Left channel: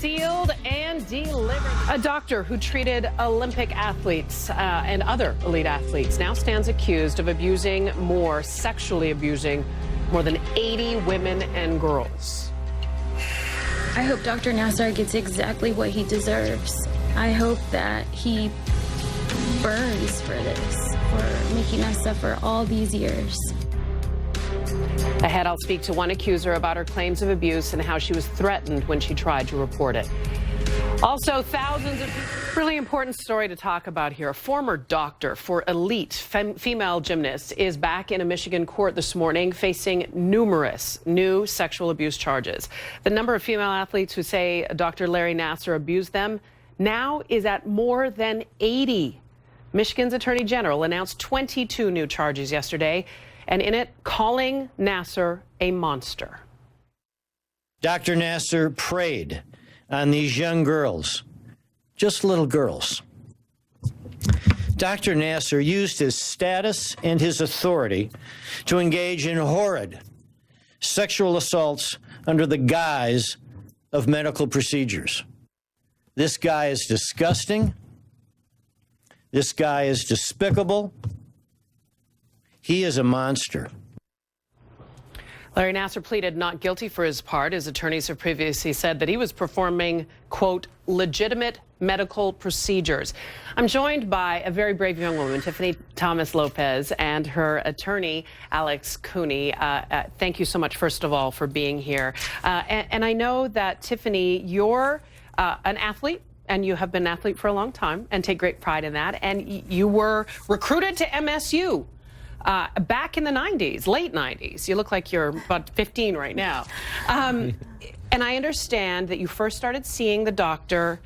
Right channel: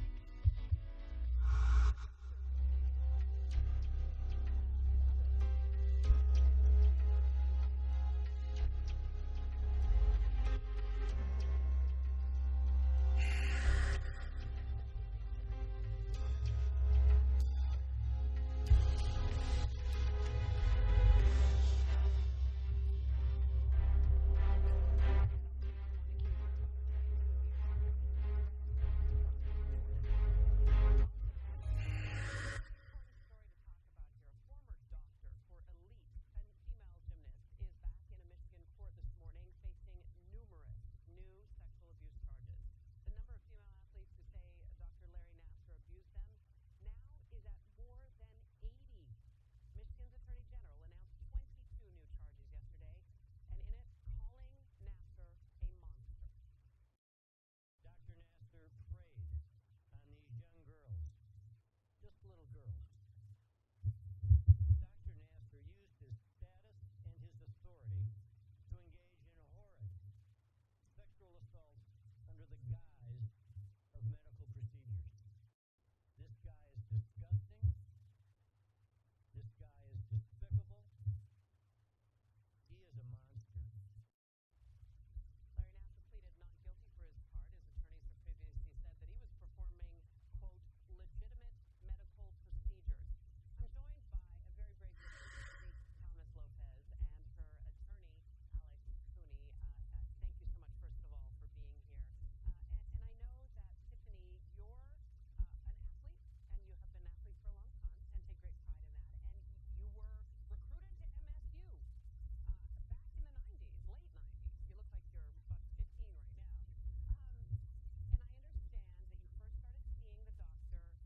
sealed and delivered. A doctor who treated Olympic athletes and other elite athletes now stands accused of sexually abusing more than 80 women and girls. I hope Dr. Nassar gets exactly what he deserves. I hope that he burns for this, for making us suffer all these years. Ahead, I'll speak to one accuser about her claims of abuse and how she was threatened when she tried to report it. Also, thousands of... Really important story to talk about here. A former doctor for elite female gymnasts is back in a Michigan court this morning facing numerous new sexual abuse charges. The number of female athletes who say Dr. Larry Nassar abused them now is at more than 80. Michigan's Attorney General announced 22 new charges yesterday, and in it, calling Nassar a monster. Dr. Nassar preyed on these young girls, just little girls. Dr. Nassar used his status and his authority to engage in horrid sexual assaults under the guise of medical procedures. This guy is disgusting. This guy is despicable. He is a monster. Larry Nassar pleaded not guilty for his part. His attorneys have previously said that he was performing, quote, legitimate medical procedures. I'm joined by a very brave young woman, Tiffany Thomas Lopez, and her attorney, Alex Cooney. Thank you so much, first of all, for being here. And I know that, Tiffany, you're an athlete, and you have been an athlete for a long time and take great pride in that. And you were recruited to MSU. Back in the 90s, late 90s. You look like you're about 15 right now. And I understand that you first started seeing the doctor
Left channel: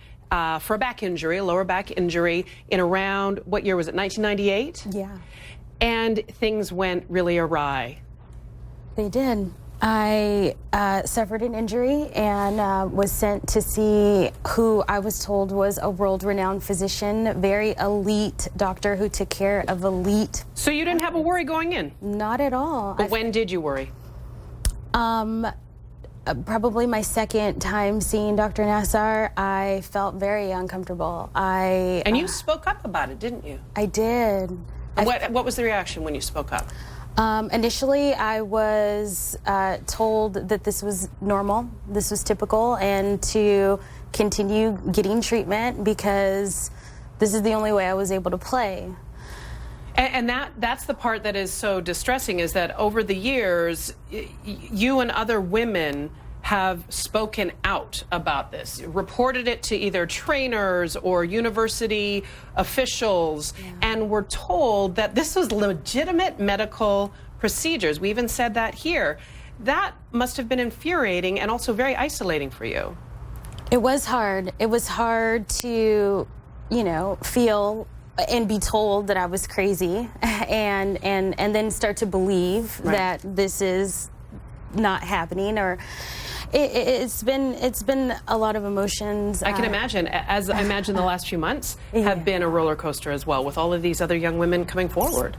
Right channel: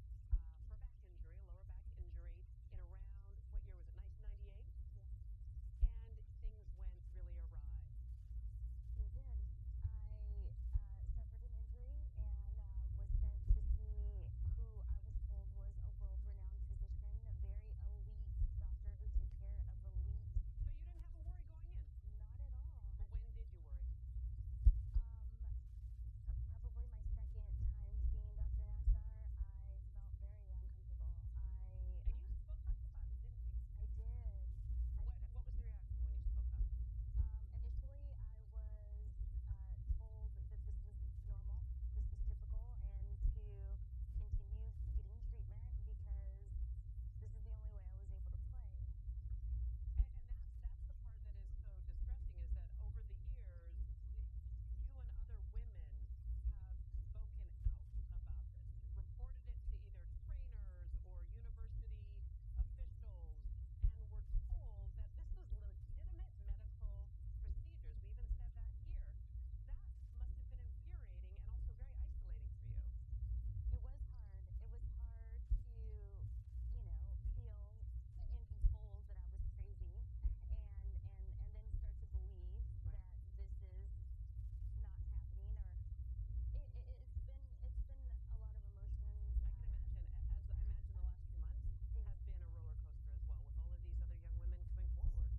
for a back injury, a lower back injury, in around, what year was it, 1998? Yeah. And things went really awry. They did. I suffered an injury and was sent to see who I was told was a world-renowned physician, very elite doctor who took care of elite. So you didn't have a worry going in? Not at all. But when did you worry? Probably my second time seeing Dr. Nassar, I felt very uncomfortable. And you spoke up about it, didn't you? I did. What was the reaction when you spoke up? Initially, I was told that this was normal, this was typical, and to continue getting treatment because this is the only way I was able to play. And that's the part that is so distressing, is that over the years, you and other women have spoken out about this, reported it to either trainers or university officials, and were told that this was legitimate medical procedures. We even said that here. That must have been infuriating and also very isolating for you. It was hard. It was hard to, you know, feel and be told that I was crazy and then start to believe that this is not happening, or it's been a lot of emotions. I can imagine, as I imagine the last few months have been a roller coaster as well, with all of these other young women coming forward.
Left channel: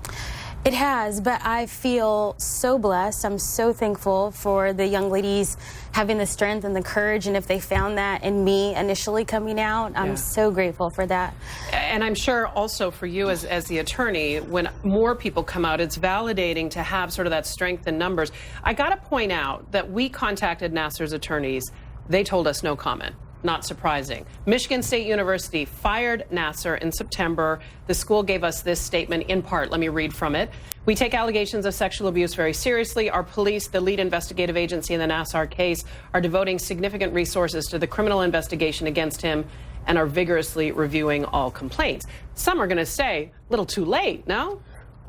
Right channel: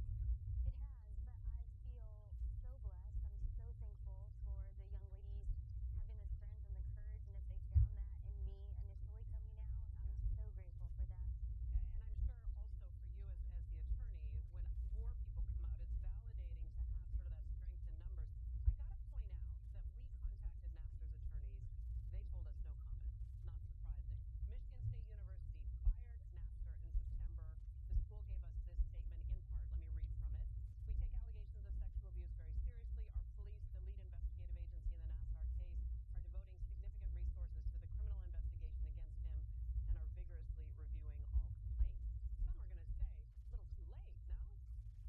It has, but I feel so blessed. I'm so thankful for the young ladies having the strength and the courage, and if they found that in me initially coming out, I'm so grateful for that. And I'm sure also for you as the attorney, when more people come out, it's validating to have sort of that strength in numbers. I got to point out that we contacted Nassar's attorneys. They told us no comment. Not surprising. Michigan State University fired Nassar in September. The school gave us this statement in part. Let me read from it. We take allegations of sexual abuse very seriously. Our police, the lead investigative agency in the Nassar case, are devoting significant resources to the criminal investigation against him and are vigorously reviewing all complaints. Some are going to say, a little too late, no?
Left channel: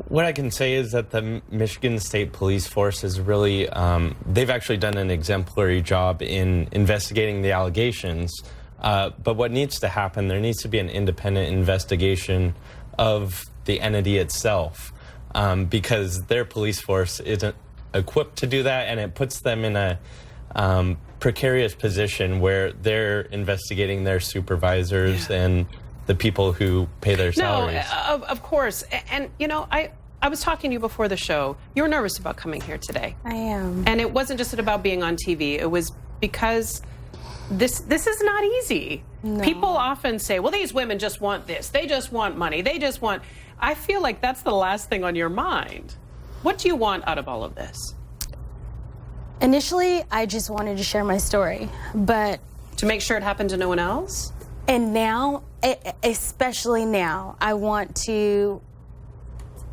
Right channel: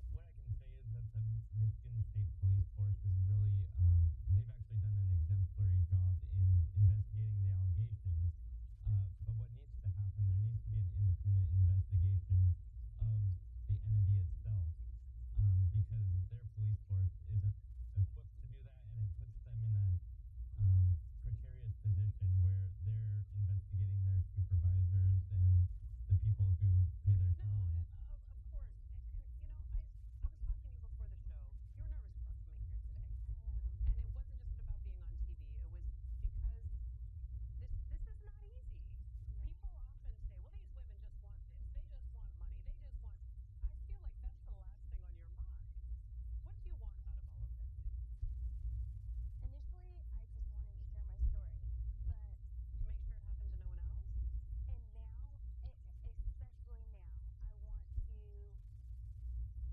What I can say is that the Michigan State Police Force is really, they've actually done an exemplary job in investigating the allegations. But what needs to happen, there needs to be an independent investigation of the entity itself, because their police force isn't equipped to do that, and it puts them in a precarious position where they're investigating their supervisors and the people who pay their salaries. No, of course. And, you know, I was talking to you before the show. You were nervous about coming here today. I am. And it wasn't just about being on TV. It was because this is not easy. No. People often say, well, these women just want this. They just want money. They just want... I feel like that's the last thing on your mind. What do you want out of all of this? Initially, I just wanted to share my story, but... To make sure it happened to no one else? And now, especially now, I want to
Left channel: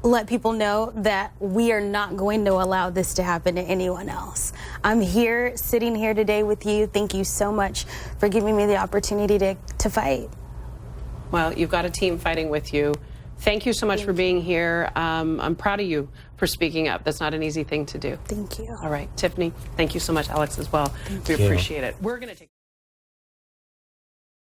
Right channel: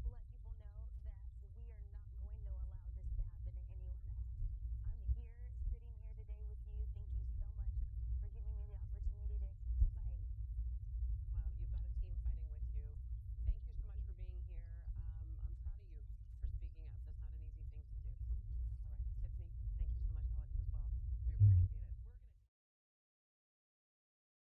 let people know that we are not going to allow this to happen to anyone else. I'm here, sitting here today with you. Thank you so much for giving me the opportunity to fight. Well, you've got a team fighting with you. Thank you so much for being here. I'm proud of you for speaking up. That's not an easy thing to do. Thank you. All right, Tiffany, thank you so much. Alex as well. We appreciate it. We're going to take